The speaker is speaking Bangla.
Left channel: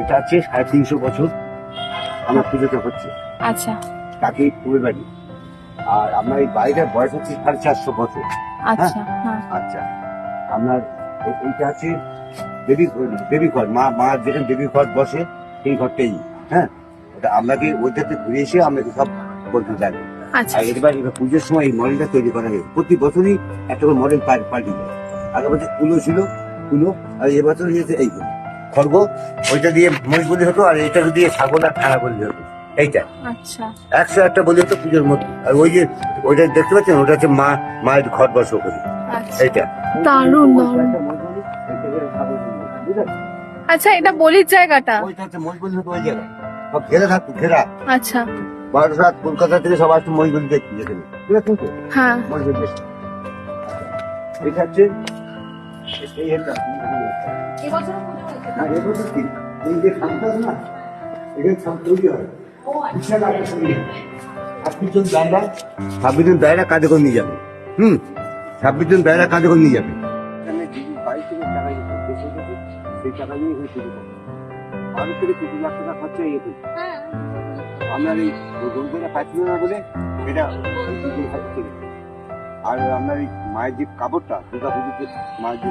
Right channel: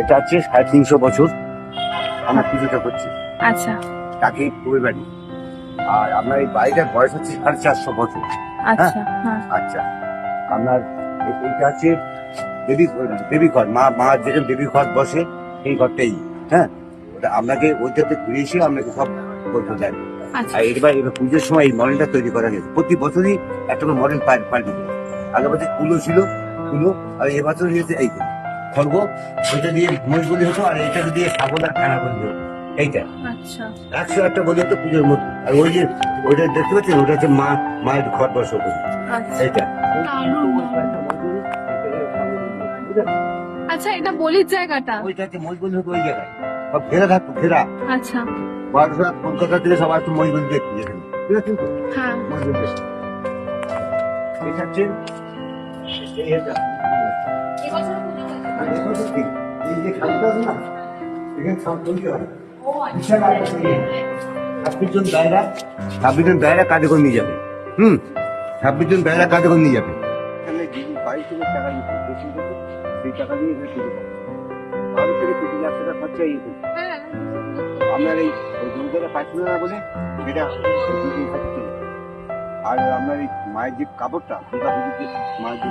এটা হচ্ছে সাড়ে তিনশো বছর আমার পুজোটা হচ্ছে আচ্ছা। তাকে পুবে বাড়ি। আর আপনার এই বাড়িটার বয়স হচ্ছে সাড়ে চারশো বছর। আচ্ছা হ্যাঁ? আচ্ছা। আপনার এইটা হচ্ছে দেবী দেবী ঘর। মা মা যেখানে দেবী ঘর বসে সেই ঘরটাই। হ্যাঁ? ওটা আপনাকে ওইটাতে ঘুরে এসে আপনাকে সব বলতে যাবে। আচ্ছা। আর এবার এবার পুজোর সময় এই মডেলটা তৈরি করা গেছে প্রতি বছরই একটা করে মডেল পাল্টে যায়। আগে বছর কুলো ছিল কুলো আর এবছর নিয়েছে এইগুলো খড়গ ওইটা দিয়ে মহিষ বলি হতো আর এটা দিয়ে ছাগল আর খানা বলি হতো। এইটা। আচ্ছা। একশো একটা বলি হতো পুজোর মধ্যে। আর ওই যে ওইটা দেখতে পাচ্ছেন? ওটা হচ্ছে মা মায়ের ঘর বসে করি আচ্ছা। এইটা। দারুণ। আচ্ছা এটা বলির জায়গাটা? ওইটা হচ্ছে মহিষ বলি হতো ওই জায়গায়। সব ঘেরা থাকতো ঘেরা। আচ্ছা। বারাসাত কলকাতা থেকে সব আসতো মহিষ বলি দেখতে। যেখানে ঠিক আছে? হ্যাঁ। মহিষ বলি। এটা হচ্ছে এই যে খালটা না, এখানে হবে। ছাব্বিশ জন দায়রা ছাব্বিশ জন দায়রা কাঁধে করে নিয়ে যাবে হুম ছাব্বিশ জন দায়রা কাঁধে করে নিয়ে যাবে এখানে বাইশ থেকে টাকা দিতে বেশি দিতে, সেই টাকা দিয়ে এখানে থেকে লাখ টাকা খরচা ইয়ে করবে আপনার এই গরুটা পাচ্ছিল না বলে এটা আর আপনার এই মায়ের যে কাপড়টা দুর্গা মায়ের যে